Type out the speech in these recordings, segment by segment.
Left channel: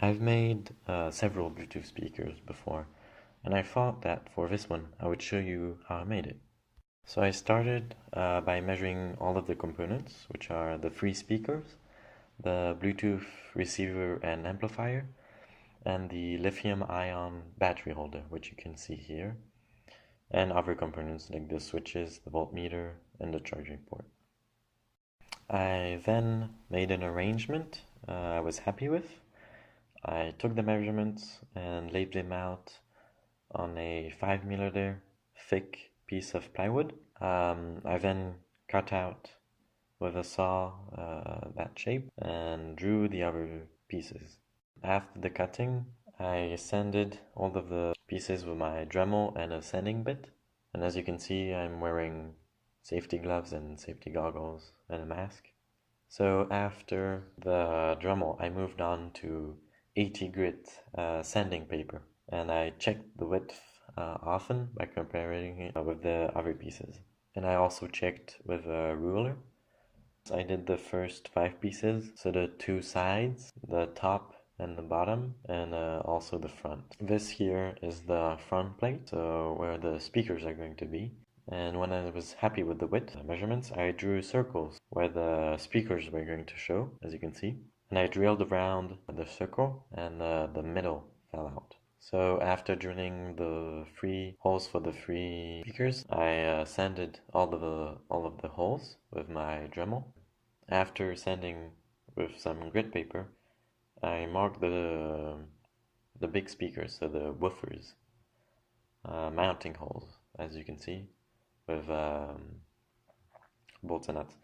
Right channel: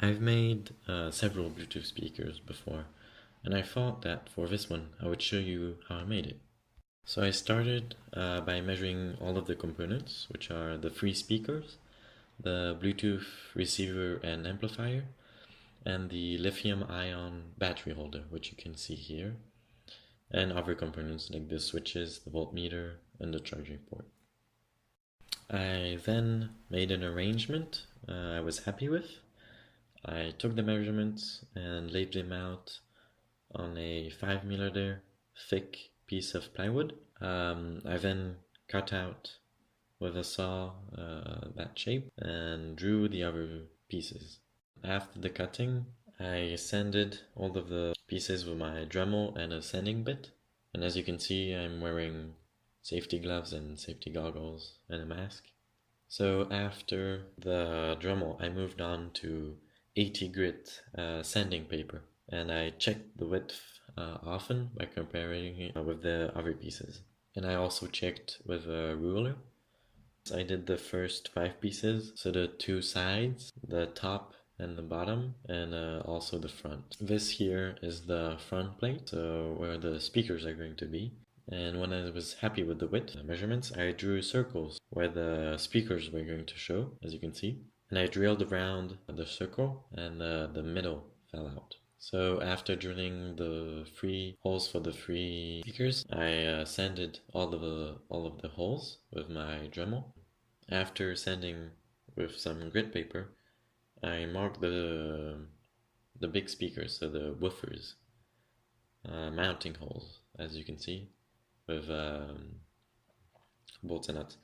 I've made several Bluetooth speakers before, and I thought that for this one I would show you how I made it. So I started by measuring all of the components, which are the three speakers, the Bluetooth receiver and amplifier, and the lithium-ion battery holder, which you can see here, and other components like the switches, the voltmeter, and the charging port. I then made an arrangement I was happy with. I took the measurements and laid them out on a 5mm thick piece of plywood. I then cut out with a saw that shape and drew the other pieces. After the cutting, I sanded all of the pieces with my Dremel and a sanding bit. And as you can see, I'm wearing safety gloves and safety goggles and a mask. So after the Dremel, I moved on to 80 grit sanding paper, and I checked the width often by comparing it with the other pieces. And I also checked with a ruler. I did the first 5 pieces, so the 2 sides, the top and the bottom, and also the front. This here is the front plate, so where the speakers are going to be. And when I was happy with the width measurements, I drew circles where the speakers were going to show, as you can see. And I drilled around the circle, and the middle fell out. So after drilling the 3 holes for the 3 speakers, I sanded all of the holes with my Dremel. After sanding with some grit paper, I marked the big speakers, so the woofers, mounting holes, as you can see, with bolts and nuts.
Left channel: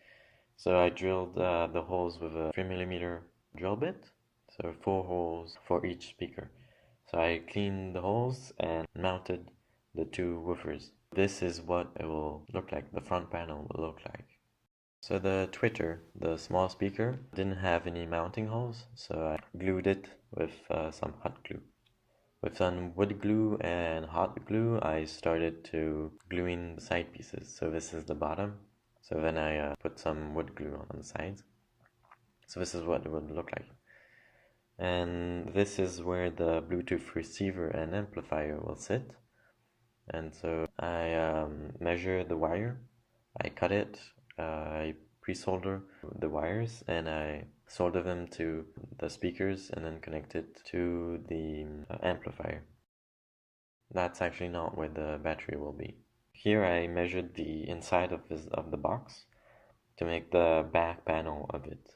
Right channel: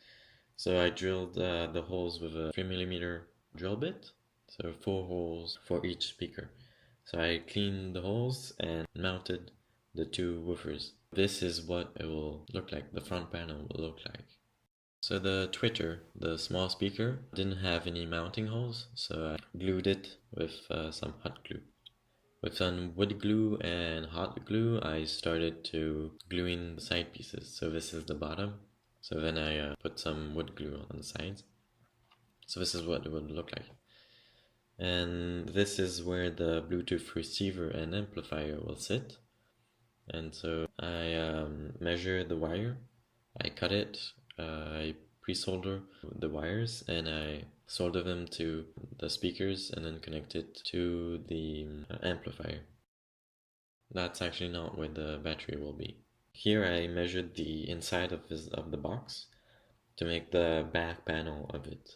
So I drilled the holes with a 3mm drill bit, so 4 holes for each speaker. So I cleaned the holes and mounted the 2 woofers. This is what it will look like, the front panel will look like. So the tweeter, the small speaker, didn't have any mounting holes, so I glued it with some hot glue. With some wood glue and hot glue, I started to glue in the side pieces. So this is the bottom. So then I put some wood glue on the sides. So this is what it would look like. And this is where the Bluetooth receiver and amplifier will sit. And so I measure the wire, I cut it, I pre-solder the wires, and I solder them to the speakers and then connect it to the amplifier. That's actually not where the battery will be. Here I measured the inside of the box to make the back panel of it.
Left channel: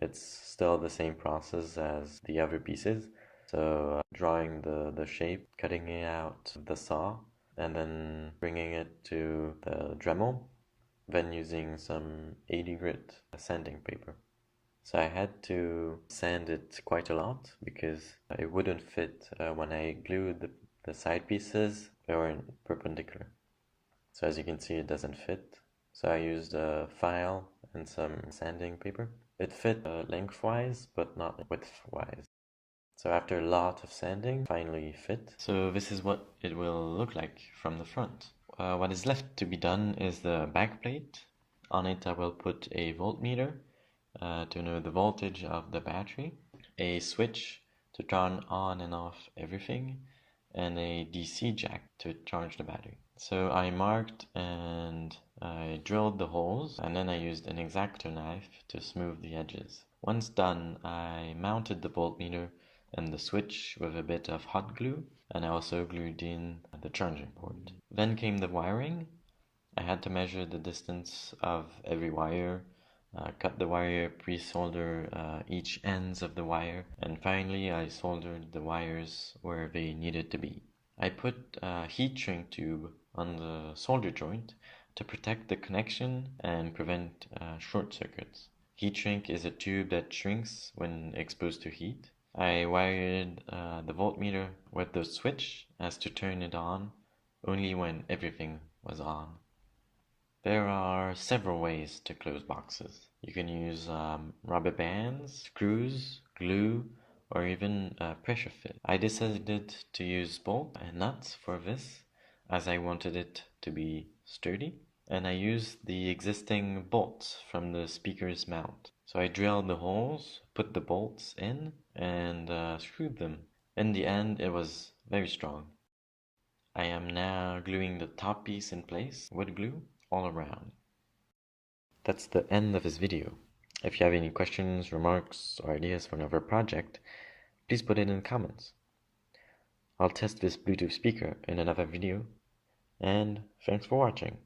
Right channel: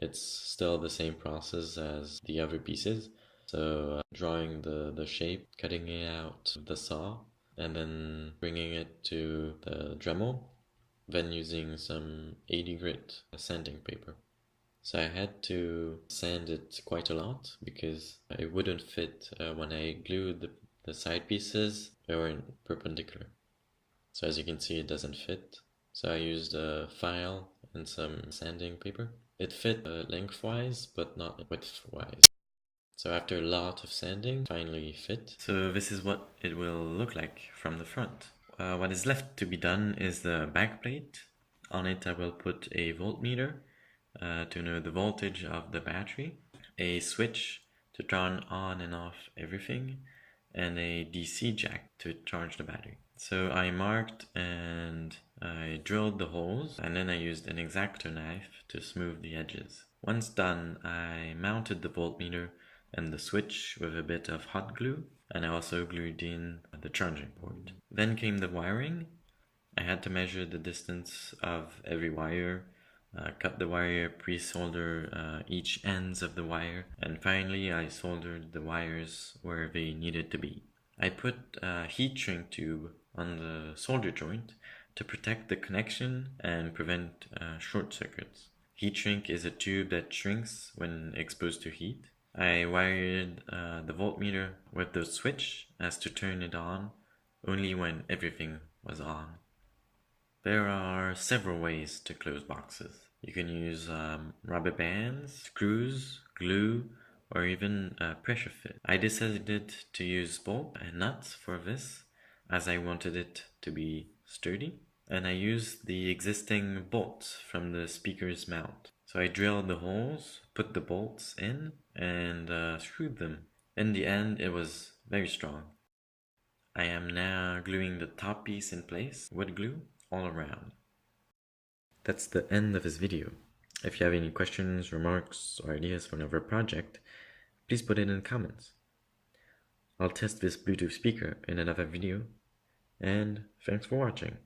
It's still the same process as the other pieces. So drawing the shape, cutting it out with the saw, and then bringing it to the Dremel, then using some 80 grit sanding paper. So I had to sand it quite a lot because it wouldn't fit when I glued the side pieces. They weren't perpendicular. So as you can see, it doesn't fit. So I used a file and some sanding paper. It fit lengthwise, but not widthwise. So after a lot of sanding, it finally fit. So this is what it will look like from the front. What is left to be done is the backplate. On it I will put a voltmeter to know the voltage of the battery, a switch to turn on and off everything, and a DC jack to charge the battery. So I marked and I drilled the holes, and then I used an X-Acto knife to smooth the edges. Once done, I mounted the voltmeter and the switch with a bit of hot glue, and I also glued in the charging port. Then came the wiring. I had to measure the distance of every wire, cut the wire, pre-solder each ends of the wire, and finally I soldered the wires where they needed to be. I put a heat shrink tube on the solder joint to protect the connection and prevent short circuits. Heat shrink is a tube that shrinks when exposed to heat. I wired the voltmeter with the switch as to turn it on only when everything was on. There are several ways to close boxes. You can use rubber bands, screws, glue, or even pressure fit. I decided to use bolts and nuts for this as I wanted it to be sturdy, and I used the existing bolts from the speaker's mount. So I drilled the holes, put the bolts in and screwed them. In the end, it was very strong. I am now gluing the top piece in place with glue all around. That's the end of this video. If you have any questions, remarks, or ideas for another project, please put it in the comments. I'll test this Bluetooth speaker in another video, and thanks for watching.